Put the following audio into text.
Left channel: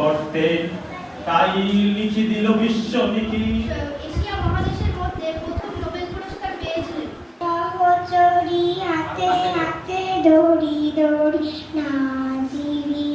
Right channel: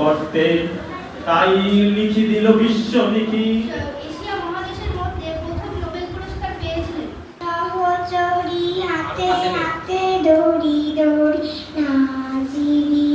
গর্তে, তাই লিখি দিল বিশ্ব লিখি। এশিয়া মহাদেশের মধ্যে প্রথম নোবেল পুরস্কার পেয়েছিলেন। সহচরী হাতে হাতে দড়ি দড়ি নাজিরি